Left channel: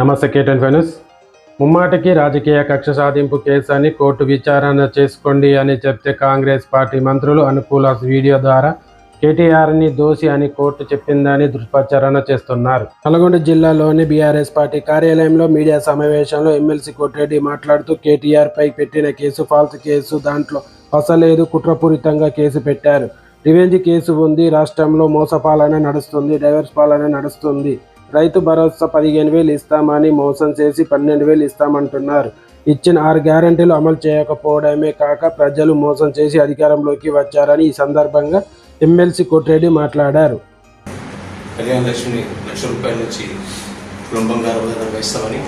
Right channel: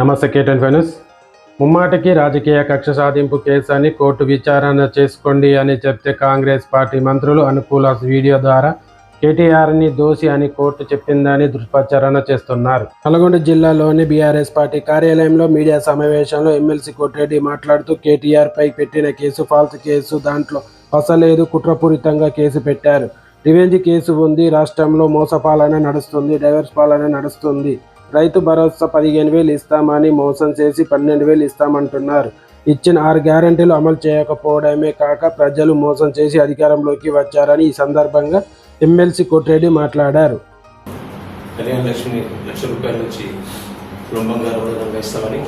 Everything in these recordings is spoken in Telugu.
నమస్తే కేటన్ ఫైనస్. ముమ్మాటికి రాజకీయ కక్ష సాధింపు కేసు అని కోర్టు విచారణ చేసుకోండి అని చెప్తే కాంగ్రెస్ పార్టీ మంత్రులు అనుకూల వీడియో ద్వారా కేటీఆర్ని దోషి అని కోర్టు చెప్పిందని దుష్ప్రచారణ చేస్తున్నారు. నల్గొండ జిల్లాలోని బీఆర్ఎస్ పార్టీ కార్యాలయంలో మీడియా సమావేశంలో ఎమ్మెల్సీ కోటిరెడ్డి మాట్లాడుతూ కేటీఆర్ పై పెట్టిన కేసు ఫాల్స్ కేసు, దాంట్లో అసలేదు, కుట్రపూరితంగా కేసు పెట్టారు. రివెంజ్ కేసు ఉంది, రాష్ట్రంలో మోసపాలన నడుస్తుంది, డైవర్స్ పాలన నడుస్తుంది. రైతు భరోసా 15,000 ఇస్తామని మోసం చేసి 12,000 ఇస్తామంటున్నారు. ఇచ్చిన 6 గ్యారెంటీలు అమలు చేయకపోవడమే కాక ప్రజలు మోసం చేసి అధికారంలోకి వచ్చారని ఈ సందర్భంగా ఎమ్మెల్సీ కోటిరెడ్డి మాట్లాడారు. కళ్యాణ లక్ష్మి ₹1,00,000 నుంచి కుటుంబంగా ఇస్తామని,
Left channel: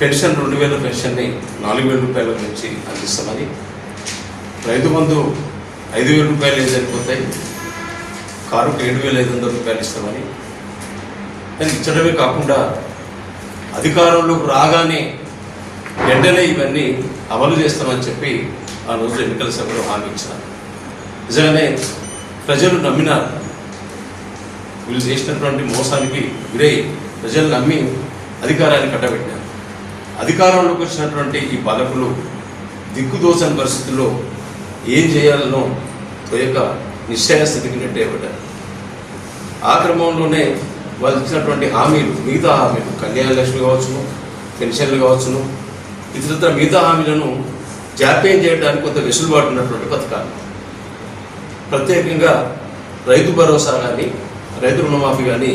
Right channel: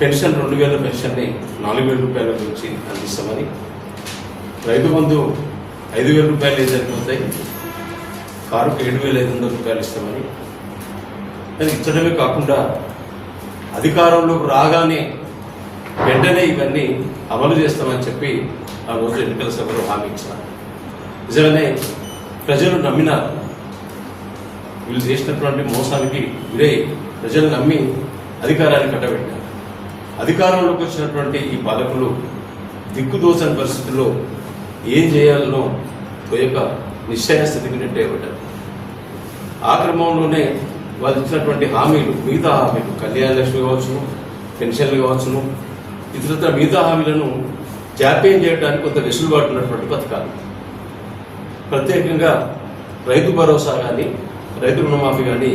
పెన్షన్ 2,000 పెన్షన్ని ₹4,000 నుంచి అందిస్తామని, రైతు బంధు ₹5,000 సరిపోతాయి, కారుకు ₹7,500 ఇస్తామని ఇచ్చడమే కాకుండా అధికారంలోకి రాగానే వెంటనే ఇవన్నీ అమలు చేస్తామని చెప్పి ఆ రోజు ఎన్నికల సభలో హామీ ఇచ్చినారు. నిజంగానే ప్రజలు నమ్మినారు. వీళ్ళు చేసినటువంటి మోసానికి గురై ప్రజలు నమ్మి అధికారాన్ని కట్టబెట్టారు. అధికారంలోకి వచ్చినటువంటి ఈ పాలకులు దిక్కుదోచని పరిస్థితుల్లో ఏం చేయాలనో తోయక నిశ్చయ స్థితికి నెట్టేయబడ్డారు. ఆ క్రమంలోనే వాళ్ళు ఇచ్చినటువంటి హామీలు, మిగతా హామీలు, కళ్యాణ లక్ష్మి కావచ్చును, పెన్షన్లు కావచ్చును, ఇతర మిగతా హామీలను జాప్యం చేయడానికి కొంత వెసులుబాటు ఉన్నటువంటి పథకాలు, ప్రత్యేకంగా రైతు భరోసా కానీ, రైతు రుణమాఫీ కానీ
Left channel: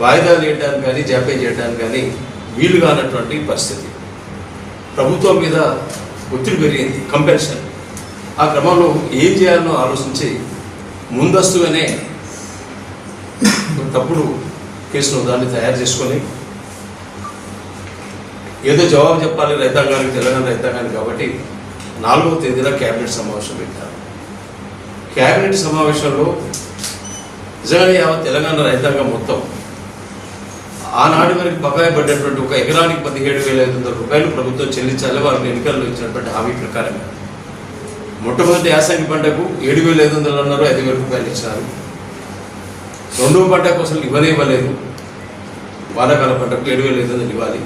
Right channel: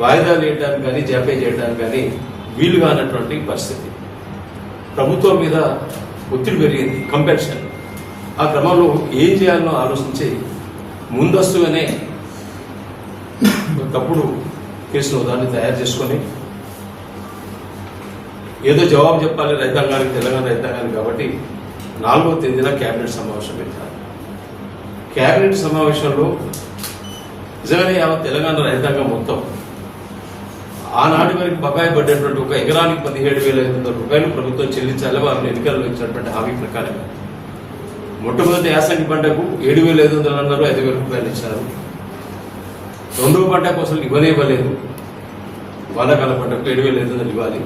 వాయిదాలు వేయడానికి కానీ, జాప్యం చేయడానికి కానీ వీలు కానటువంటి పరిస్థితి. ప్రభుత్వం మీద ఒత్తిడి పెరిగింది, కంపెన్షన్. ఆ క్రమంలో ఏం చేయాలనో ఆలోచించి ముందస్తుగానే తప్పుడు కేసులో దాన్ని తయారు చేసుకొని ఏదో జవాబు చెప్పాలి రైతాంగానికి, తెలంగాణ రైతాంగానికి. కాబట్టి 4వ తేదీన క్యాబినెట్ సమావేశం పెట్టారు. క్యాబినెట్ సమావేశంలో నిజంగానే తెలంగాణ రైతాంగం మొత్తం ఆనాటి వరకు బకాయి పడ్డటువంటి ఒక ఎకరానికి ₹17,500 ప్రభుత్వం చెల్లించాలి వారిని ఎన్నికల్లో ఇచ్చినటువంటి హామీ ప్రకారంగా. మొట్టమొదటి యాసంగి పంటకు ₹7,500 అన్నారు, ₹5,000 ఇచ్చినారు. రెండవ పంటకు అసలు ఇవ్వలేదు. వానాకాల పంటకు 7,500 ఇవ్వాలి.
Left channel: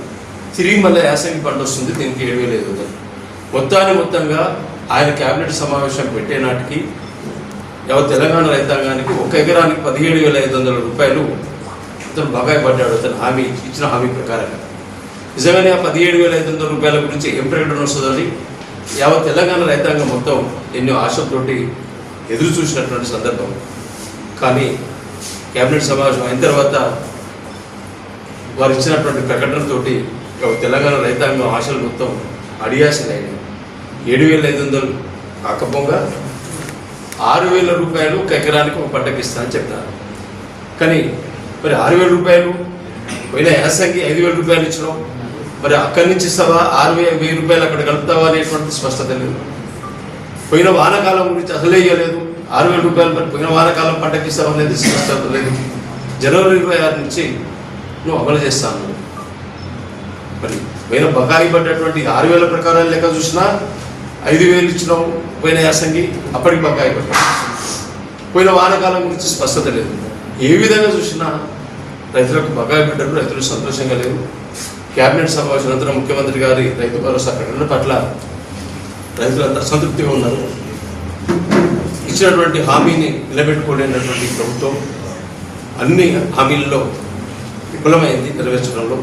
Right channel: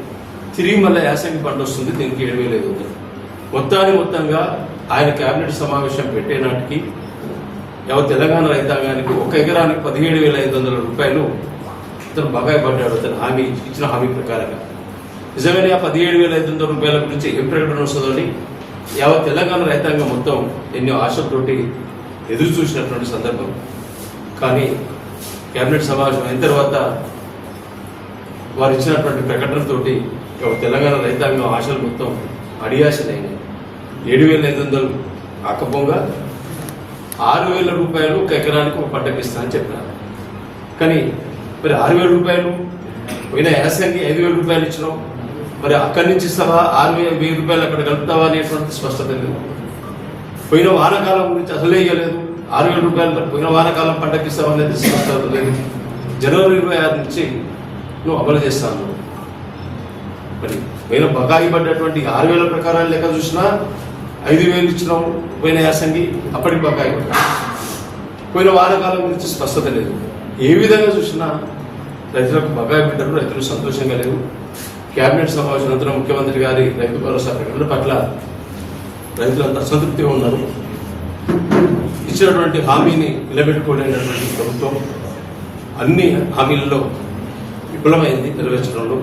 తిరిగి మళ్ళీ యాసంగి పంట వస్తుంది, దీనికి 7,500. మొత్తంగా ఆయన క్యాబినెట్ సమావేశం పెట్టే నాటికి తెలంగాణ రైతాంగానికి ఒక ఎకరానికి ₹17,500 అతను బకాయి పడ్డాడు. అతను హామీ ఇచ్చిన హామీ ప్రకారంగా. నిజంగానే ఆ ₹17,500 గురించి ఏం ప్రకటన వస్తుందని తెలంగాణ రైతాంగం మొత్తం ఎన్నో ఆశతోటి ఎదురు చూసినటువంటి సందర్భం. కానీ క్యాబినెట్ సమావేశం అయిన తర్వాత వారు ఇచ్చినటువంటి ప్రకటనతోటి తెలంగాణ రైతాంగం ఆశలు మొత్తం అడియాసలైనవి. 7,500 కాకపోగా ₹6,000 ఒక ఎకరానికి ఒక పంటకి ఇస్తానని చెప్పినారు. కానీ మరి ₹6,000 పోయిన యాసంగి ₹5,000 ఇచ్చినాం, మరి అక్కడి నుంచి ఇస్తావా, ₹1,000 అక్కడ కలుపుతావా అనేటువంటి స్పష్టత లేదు. పోయిన వానాకాలం గురించి అసలే ఇవ్వలేదు. ₹6,000 మరి పోయిన వానాకాలం పంటకి ఇస్తామనేది స్పష్టత లేదు. జనవరి 26 నుంచి నువ్వు అమలు చేస్తాను. మరి పోయిన బకాయి పడ్డటువంటి 6,000 ప్రకారం లెక్క చూసినా 5,000 ఇచ్చినాం పోయిన యాసంగి, అప్పటికి బకాయి పడ్డాడు. పోయిన వానాకాలం గురించి స్పష్టత లేదు. ఏ విధంగా చూసినా రైతులకు బకాయి పెట్టడం రైతులు సంతోషంగా లేవు. క్యాబినెట్ సమావేశం అనంతరం ముఖ్యమంత్రి గారి రైతు భరోసా ప్రకటన పట్ల రైతులంతా అసంతృప్తిగా ఉన్నారు. ఇచ్చినటువంటి హామీని నిలబెట్టుకోలేనటువంటి ప్రభుత్వం అన్ని హామీలలో విఫలమైంది నెరవేర్చడంలో.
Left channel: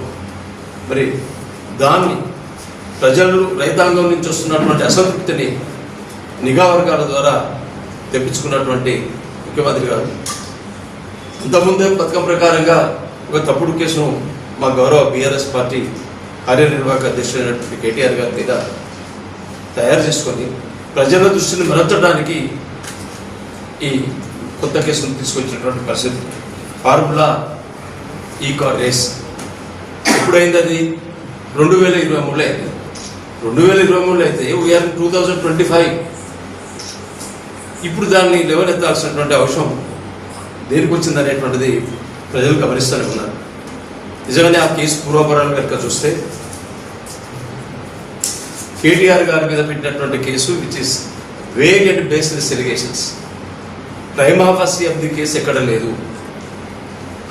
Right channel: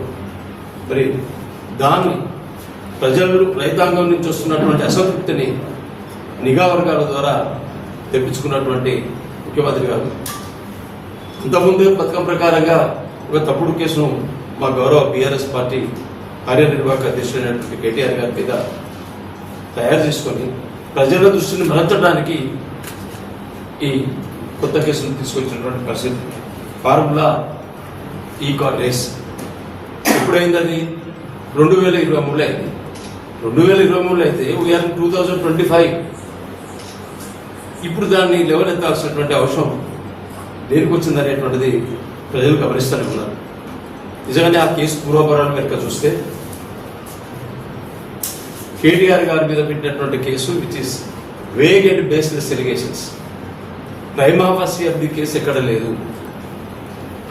మరి దాన్ని ప్రజలు, రైతాంగం నుంచి వస్తున్నటువంటి అసంతృప్తిని నిఘా వర్గాల ద్వారా తెప్పించుకున్నటువంటి ముఖ్యమంత్రి గారు ఇంతకుముందే పథకం ప్రకారంగా ఒక తప్పుడు కేసును మా గౌరవ బీఆర్ఎస్ పార్టీ కార్యనిర్వాహక అధ్యక్షుడైనటువంటి కేటీఆర్ గారి మీద తయారు చేసుకొని ప్రజల దృష్టిని మరల్చడానికి ఈ కొత్త కేసును తీసుకొచ్చినటువంటి పరిస్థితి. ఫార్ములా ఈ-కార్ రేస్ ఎప్పుడైంది? అది 2023 అయింది. 2023 అయితే వీఆర్ 2025. ఇప్పుడు దాన్ని లేవనెత్తాల్సినటువంటి అవసరం దేనికి వచ్చింది అనేటువంటిది ప్రజలు గమనిస్తూనే ఉన్నారు. నిజంగానే ఆ కేసు పూర్వపరాలు కనుక చూస్తే కేటీఆర్ గారి మీద పెట్టినటువంటి case which is vague and baseless allegations. Prima facie of the case ఎక్కడ లేదు.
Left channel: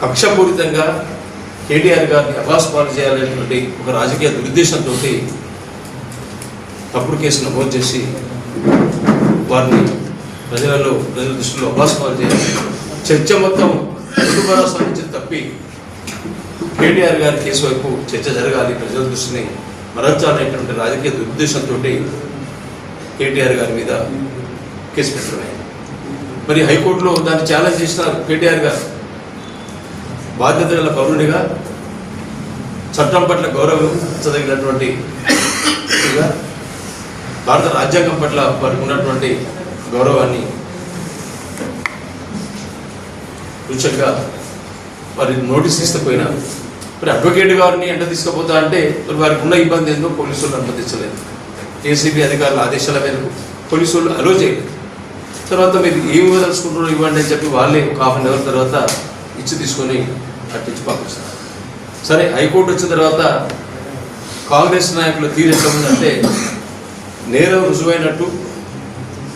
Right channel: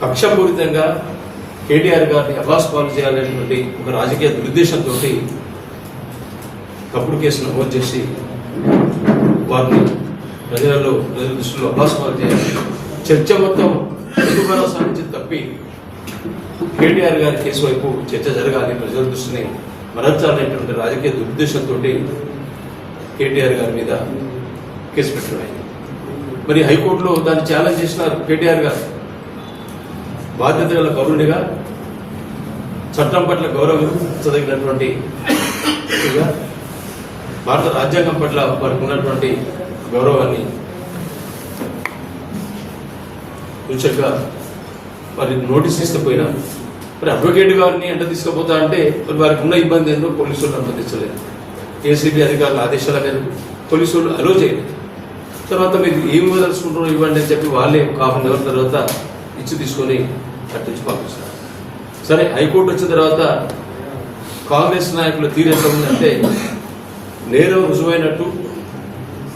కక్షపూరితంగా కేటీఆర్ గారిని అబాస్ పాలు చేయాలనేటువంటి ఒక రాజకీయ దురుద్దేశంతో తప్పుడు కేసు నమోదు చేసి వారిని ప్రజల దృష్టిలో అబాస్ పాలు చేయాలి. చర్చ మొత్తం తెలుగు భరోసా నుంచి తప్పి కేటీఆర్ గారి కేసు వైపు చర్చ జరగాలి, ప్రజల దృష్టిని మరల్చాలనేటువంటి రాజకీయ దురుద్దేశంతో కేటీఆర్ గారి మీద కేసు పెట్టడమైంది. మరి హైకోర్టులో దాన్ని ఛాలెంజ్ చేసినారు. కేటీఆర్ గారు బాధ్యత గల పౌరునిగా, చట్టం పట్ల గౌరవించదగినటువంటి భారత రాజ్యాంగం పట్ల వారికి ఉన్నటువంటి గౌరవాన్ని సూచనగా వారి నోటీస్ తీసుకుపోయినారు. మరి అడ్వకేట్ గారిని ఎంట తీసుకుపోతా అంటే మరి వారికి ఉన్న ఇబ్బంది ఏందో పోలీసులు అనుమతించలేదు. ఏసీబీ అధికారుల ఆదేశాల మేరకు పోలీసులు అలో చేయలేదు. తర్వాత మీరు ఏమి వదలుచుకుంటున్నారో ఇవ్వండి అని చెప్పి వాళ్ళే ఒక హాఫ్ అన్ అవర్ తర్వాత ఇచ్చి తీసుకొని కట్టించి పంపిస్తారు. సరే, హైకోర్టు వచ్చిన తర్వాత కాంగ్రెస్ నాయకుల తీరు ఎట్లా ఉందంటే, నేరం రుజువైనట్టు,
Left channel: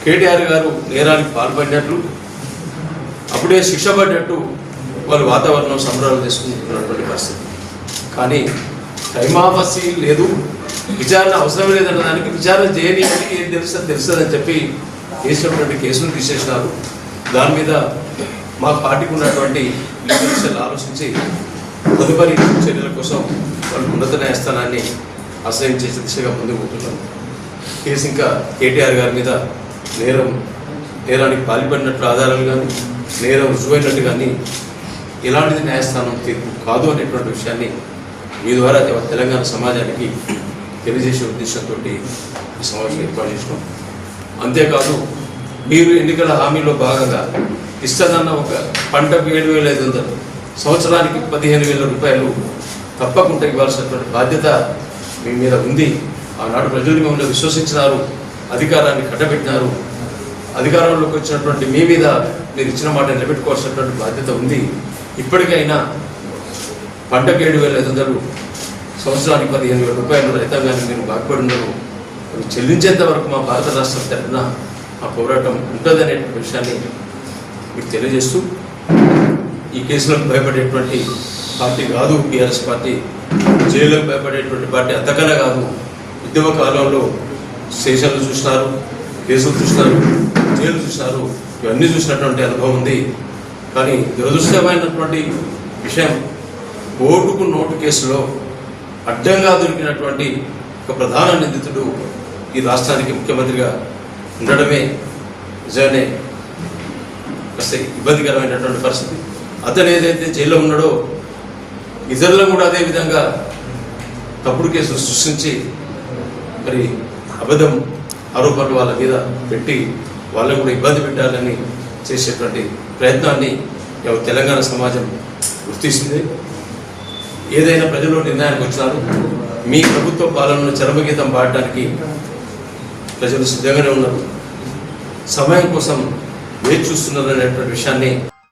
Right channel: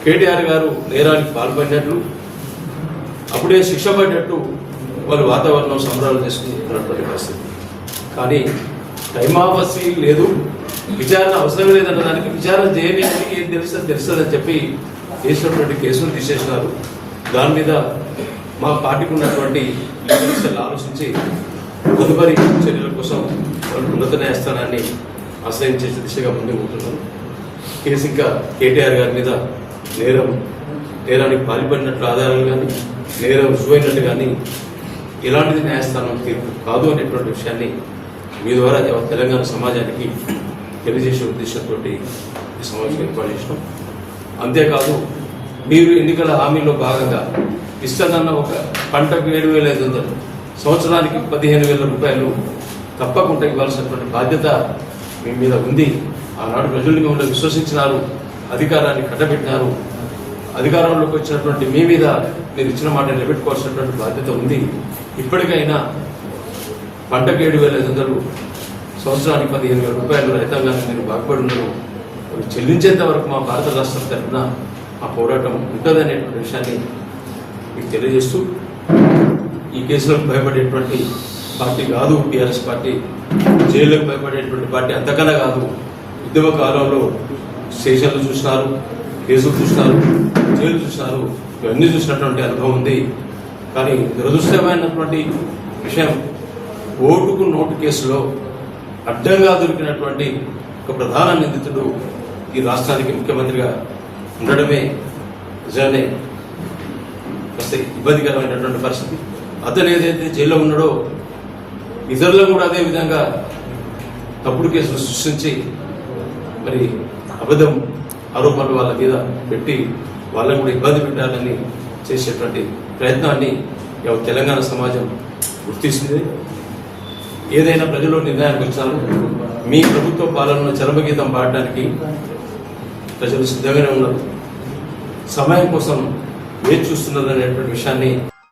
కేటీఆర్ గారు నేరానికి పాల్పడినట్లు, అప్పుడే శిక్ష పడినట్టు వాళ్ళు వాతావరణం సంబరాలు తీసుకుంటున్నటువంటి పరిస్థితి. కానీ టైమావసి లేదు, విచారణ అవసరం లేదన్న దానికి విచారణ చేయని అని ఏం తెలుస్తుందని చెప్పి వేసినటువంటి కేసును తీసేసినారు. దాని మీద మా పార్టీకి ఉన్నటువంటి లీడర్స్ ఆలోచించి తదుపరి చర్యల కోసం వాళ్ళు ఉన్నత న్యాయస్థానాన్ని ఆశ్రయించే దిశగా ముందుకు పోతున్నాం. కేసు ఇంకా కేటీఆర్ గారి మీద నేరానికి పాల్పడినట్లు ఆధారాలు కానీ, నేరం రుజువైనట్టు కానీ ఎలాంటిది న్యాయస్థానం తీర్పు కాదు అనేటువంటి విషయాన్ని మీ ద్వారా తెలంగాణ సమాజానికి తెలియజేసే ఉద్దేశంతో ఈ సమావేశం ఏర్పాటు చేసినాం. అంతేకాదు, మీరు ఎన్నికల హామీలో భాగంగా ఇస్తుందన్న ఒక పంటకు 7,500, సంవత్సరానికి 15,000 రూపాయలు తప్పకుండా ఇవ్వాల్సినటువంటి బాధ్యత మీ మీద ఉంది. ఆనాడు ప్రజలు మిమ్మల్ని విశ్వసించినారు, అధికారాన్ని కట్టబెట్టినారు. అధికారంలోకి వచ్చినటువంటి మీ మీద మీరు ఇచ్చిన మాట నిలబెట్టుకోవాల్సినటువంటి బాధ్యత ఉంది. ఇప్పటికైనా పంటకు 7,500, సంవత్సరానికి 15,000 రూపాయలు రైతాంగాన్ని మీరు బాగుపడి ఉన్నారు, చెల్లించేంత వరకు మా భారత రాష్ట్రం తరఫున ఆ పోరాటం ఉంటుందనేటువంటి విషయాన్ని మీకు తెలియజేస్తూ, ఈ కేసులకు భయపడేటువంటి పార్టీ కాదు టీఆర్ఎస్ పార్టీ, జైలుకు భయపడేటువంటి పార్టీ అంతకన్నా కాదు. ఉద్యమ కాలంలో స్టేషన్లు చూసినారు, కేసులు చూసినారు, జైలు చూసినారు, ఇవన్నీ చూసినటువంటి అనుభవం ఉంది. కానీ దురదృష్టమైనటువంటి విషయం, ఓటుకు నోటు కేసులో అడ్డంగా దొరికినటువంటి ఒక ప్రధాన నిందితుడు ఈ రాష్ట్రానికి ముఖ్యమంత్రిగా ఉండడమే నిజానే వస్తే ఇబ్బందికరమైనటువంటి పరిస్థితి. అతను ఏదైతే జైల్లో ఉన్నాడో ఇతరులను కూడా అదే విధంగా తప్పుడు కేసులు సృష్టించి మరి అబద్ధం ఆరోపణలు వాళ్ళ మీద పెట్టి వాళ్ళని కూడా ఇబ్బంది పెట్టాలని చేసేటువంటి ప్రయత్నాన్ని తెలంగాణ సమాజం గుర్తిస్తుంది. ఏదైనా ప్రజలు నిర్ణయానికి వచ్చినారు, మీ ప్రభుత్వ పాలనను చరమగీతం పాడటానికి ప్రజలు సిద్ధంగానే ఉన్నారు, సమయం కోసం వేచి చూస్తున్నారు అనేటువంటి విషయాన్ని